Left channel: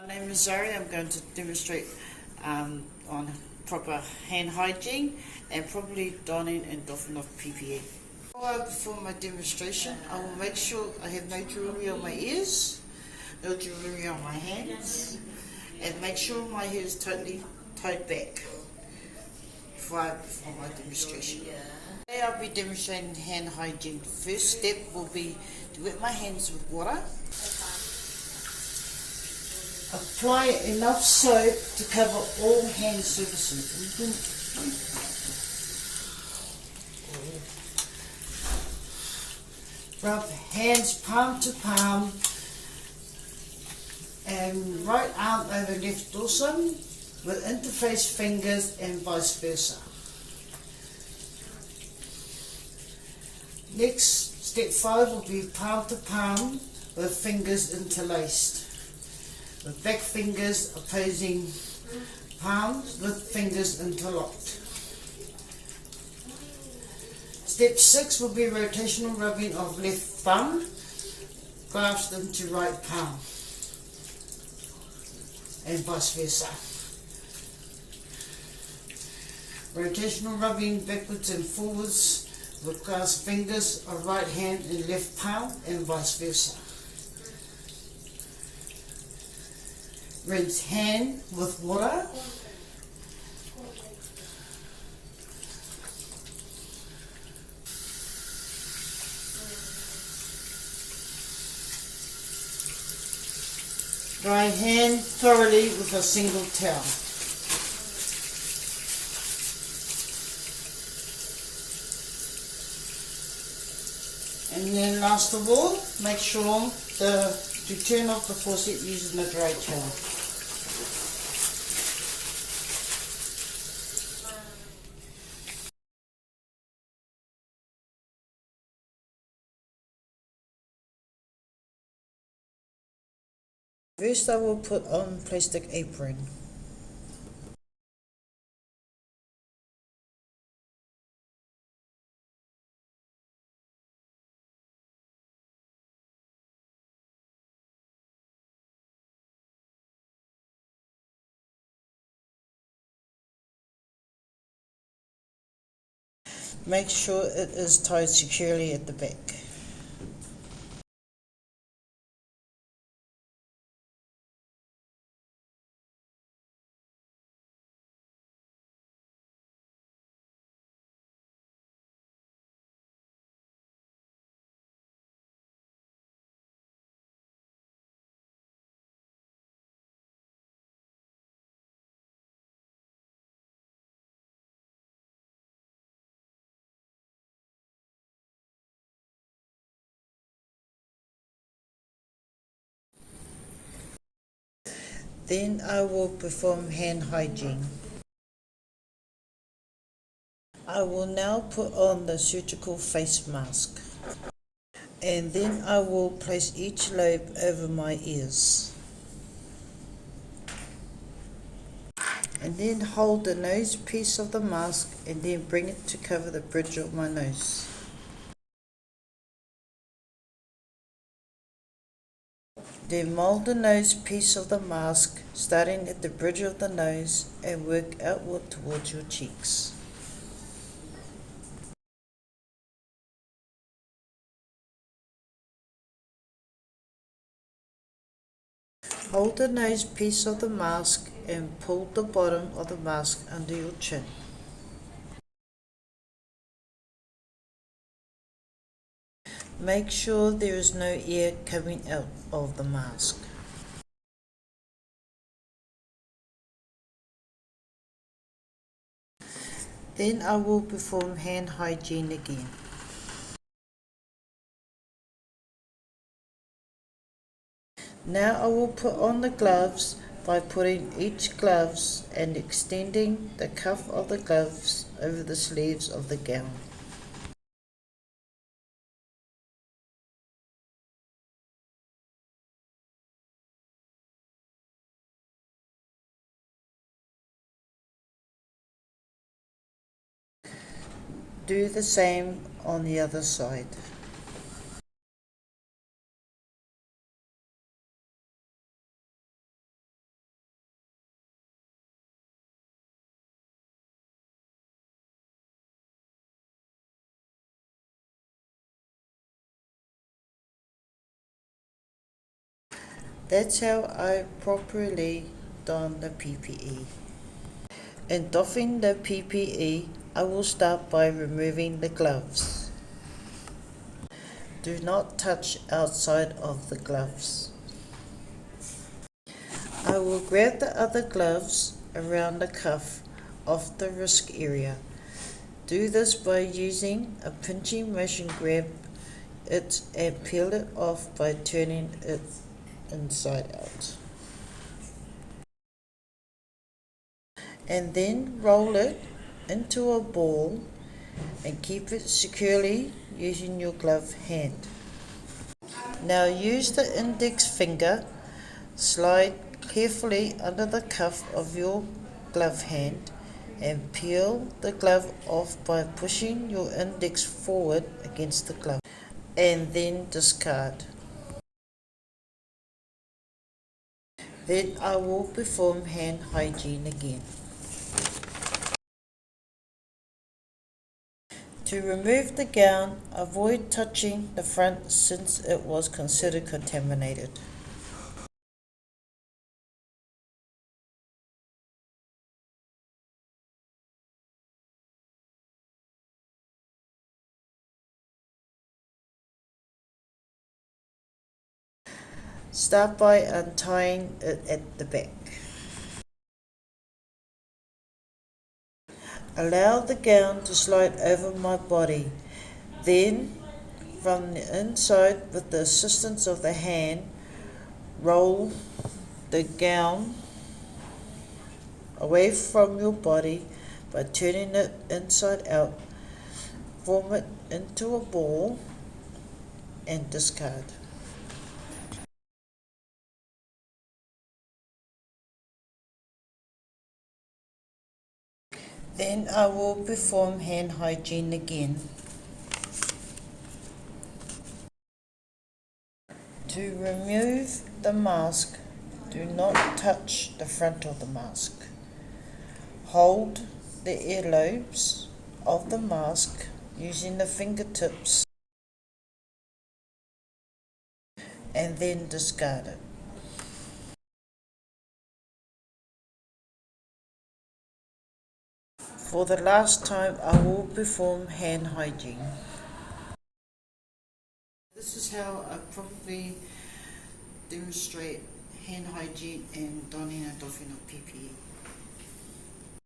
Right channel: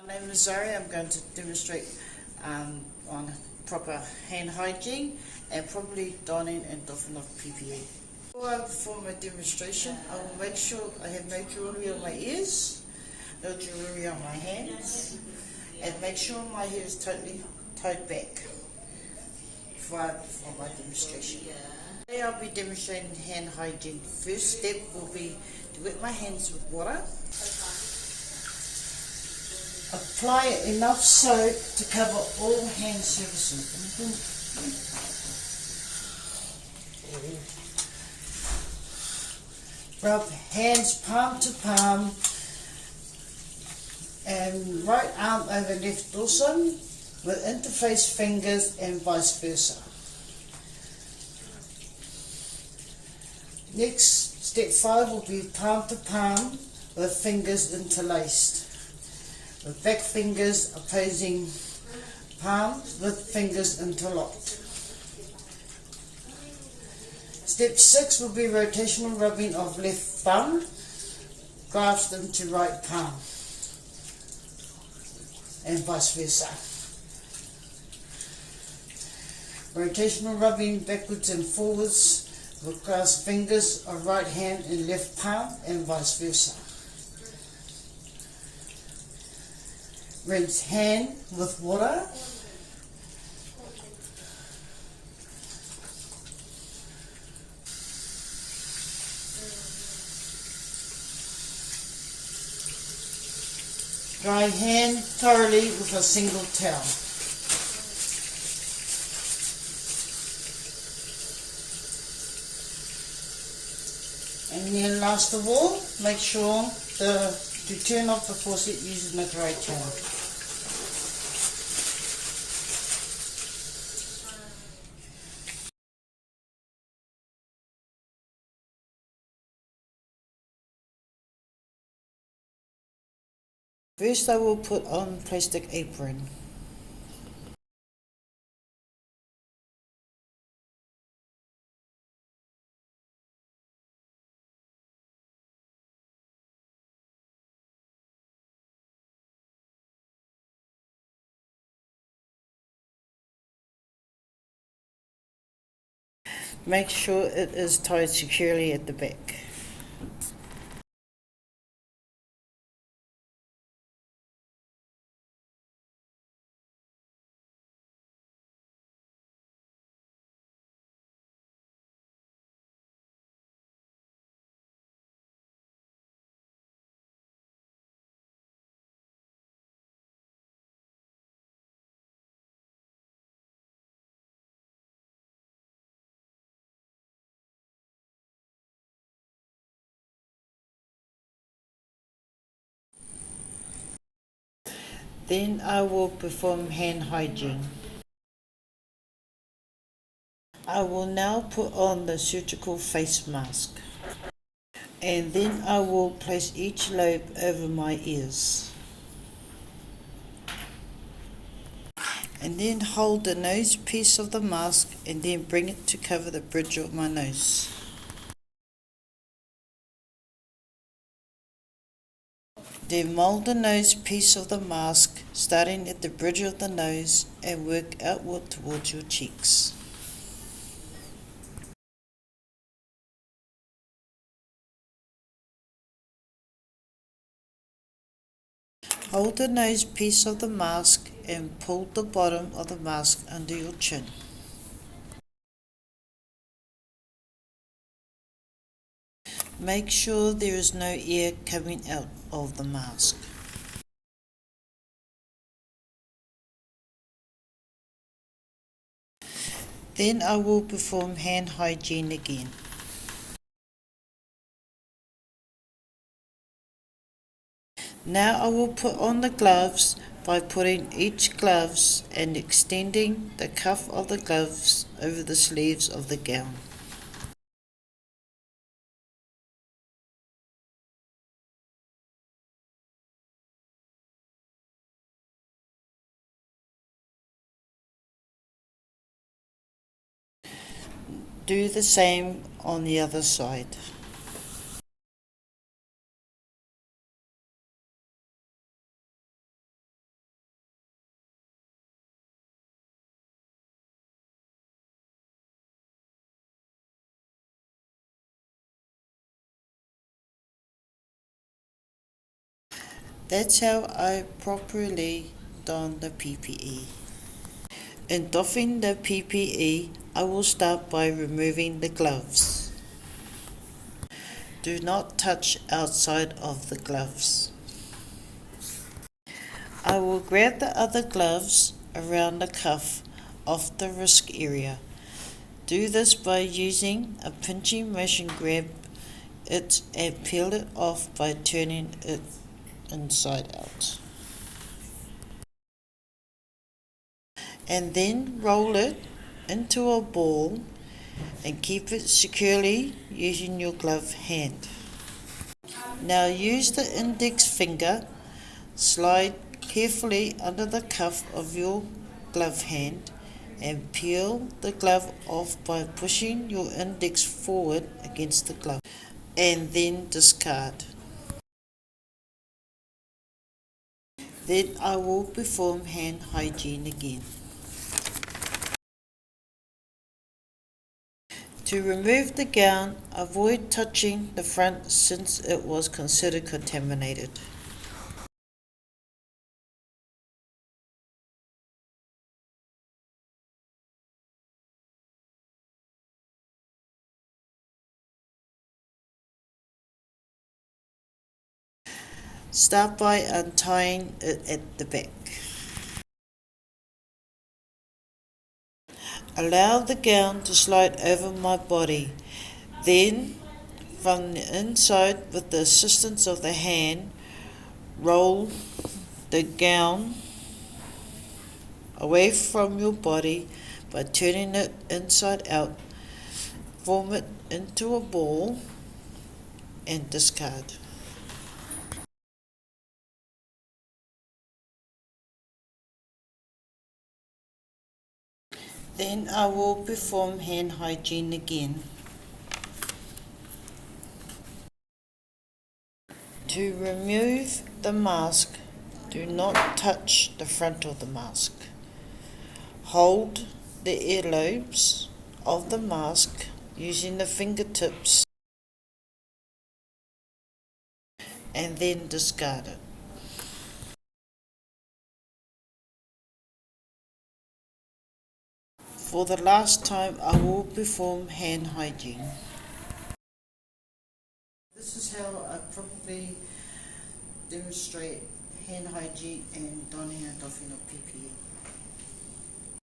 My name is Zaria. I'm going to demonstrate on proper hand hygiene and properly donning and doffing of PPE. Before I perform my demonstration, I will make sure I have no jewellery on my ears, no jewellery on my hands, and make sure my hair is totally tied back before I perform my demonstration. Today I'll be demonstrating hand hygiene. First step will be to wet my hands with water. Apply enough soap to cover all hand surfaces. Rub hands palm to palm and right arm over left dorsum with interface fingers and vice versa. Next, step 5 will be palm to palm with fingers interlaced, with back fingers opposing palms with fingers interlocked. Step 6 will be rotational rubbing of left thumb, grasped into right palm, and vice versa. Rotational rubbing backwards and forwards with grasped fingers of right hand and left palm, and vice versa. Rinse hand with water. Dry hand thoroughly with a single towel. And then last of all, make sure to turn off the faucet using a dry towel. First I will put on plastic apron. Make sure it is tied securely at the back. Then I will perform hand hygiene. I will now put on the surgical face mask. And then I will place each lobe over my ears. And then hold the nose piece of the mask and then bring it to cover the bridge of my nose. Then mold the nose piece of the mask starting at the bridge of the nose and work outward towards your cheeks. Hold the nose piece of the mask and pull the bottom of the mask under your chin. Make sure there is no air coming out of the mask. Then I will perform hand hygiene again. Now I will put on the gloves by putting each gloves and extending the cuff of the gloves over the sleeves of the gown. Do the same on the other side. That's how I properly don the PPE. In doffing the PPE, I will start by removing the gloves. Do not touch outside of the gloves. I will grab the other gloves around the cuff of the wrist area. Do this by using a pinching motion. Grab it and peel it off by turning it inside out. And then roll it into a ball and keep it securely using your glove hand. Now use the index finger, slide carefully under the cuff of your glove hand and peel the glove off by pushing your index forward against the glove and then discard. Then I will perform hand hygiene again. To remove the gown, avoid touching the front since it was considered contaminated. Start by untying it at the back. Allow the gown to slide over my body. Then, from the inside, with the assistance of the hand, roll the gown away from your body by turning it inside out. Form it into a ball and discard. Then I will perform hand hygiene again. To remove the mask, do not touch the front of the mask. Hold the earlobes of the mask using the fingertips and then discard it. For the last time, I will perform hand hygiene. This is how I probably demonstrate hand hygiene and donning and doffing of PPE.